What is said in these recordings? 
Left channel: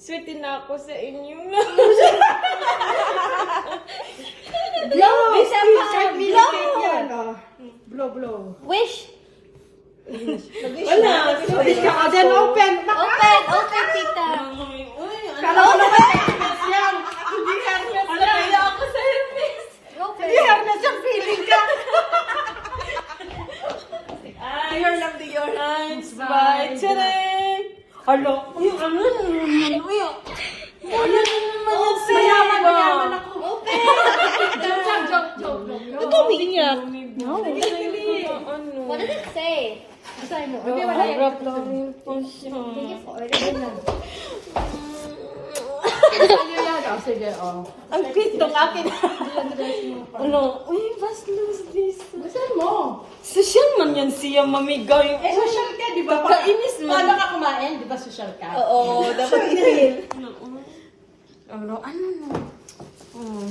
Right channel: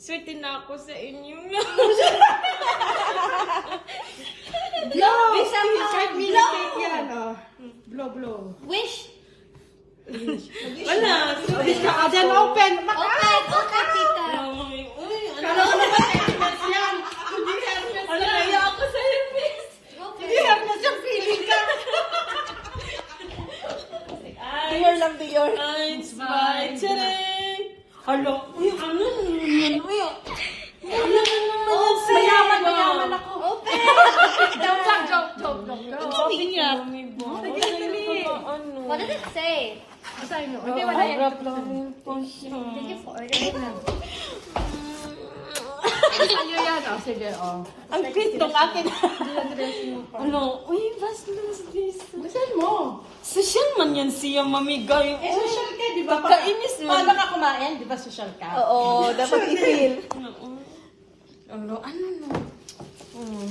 Sweetin na ako sa inyo. Blow! Bisa pa! Blow! Blow, blow. Wish! Wala. Wish ka. Then open. Open! Open, tita! Kala ko naman Hermes yan. Hindi Hermes na kaya ako sa Hermes. Hindi Hermes yung feeling ka. Dior lang, Dior. Thanks, bye. Tcharing! Hello? Uy, ano naman? Uy, ano naman yung Mayaman ako. Open! Ito, Mia. What does it say? Hindi wala yun. Ano yan? Oh, sige, oh. Ang cute ng akin. Ano? Uy, basta please. Gusto mo? Social man yan siya mamigay. Social ka, di ba? Kainis man. Paano ka kumain? Di ba social ka? Oo, dapat i-feel. Ano na?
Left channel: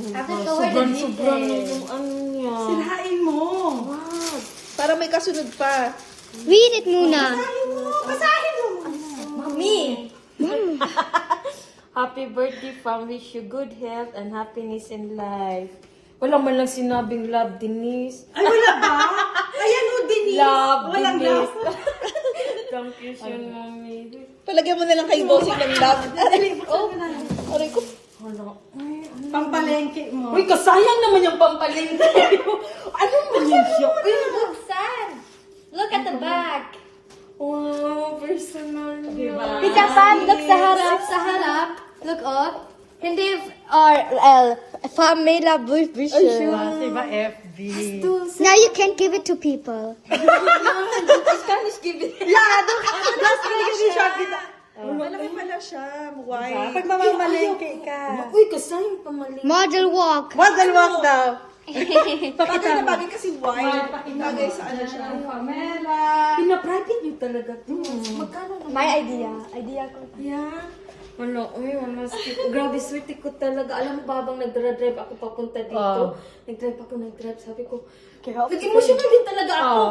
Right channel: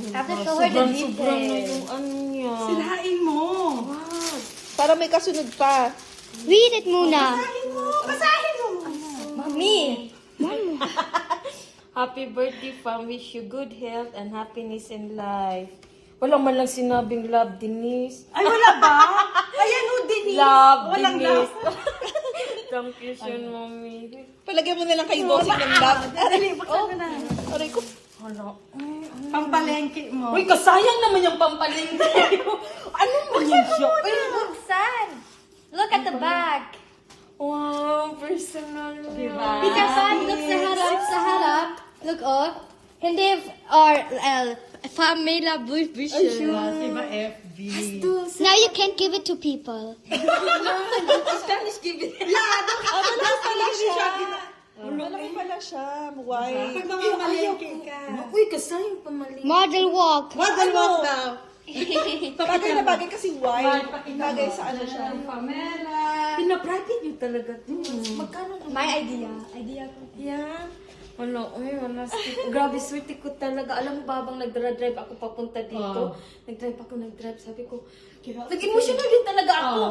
Tapos cover the Sobrang dishes. yung ano niya. Sinain mo. What? Para may kasunod pa. Read it muna. Basahin mo. Mami! Happy birthday, Pam. Wish you good health and happiness in life. Wala man lang sinabing love, Denise. Ay, wala ba? Ayan mo, Denise. Love, Walang Denise. love. Thank you so mommy. Palagyan mo na lang kay Bossing ng love. Aray, buksan na lang. Aray ko. Hala. Pampalengke mo. Uy, kasayang naman yung pampaling. Ano mo yun siya? Uy, Buksan! Look at the back! wow, personal niya. Tita Pam, look sa harap, sa harap. Look, oh. Hindi, or, Pamela Blue Diba, FB? Now you can't give it to people. Spanish give it. Malaki pala siya. Why? Pag mamamalengke ka. Uy, kasayang pamaling. Model walk. Model walk daw. Bagay na bagay kasi why? Bagay sa ano siya. Pamela. Pina-private yung talaga. Magkano na? My idea. Idea ko. Yeah. Wala, uy, wala. Grabe, sweet ko talaga. Alam mo ba, habang nag-drive ako papunta dito, nag-drive, sabi ko, nag-emotional din talaga ako.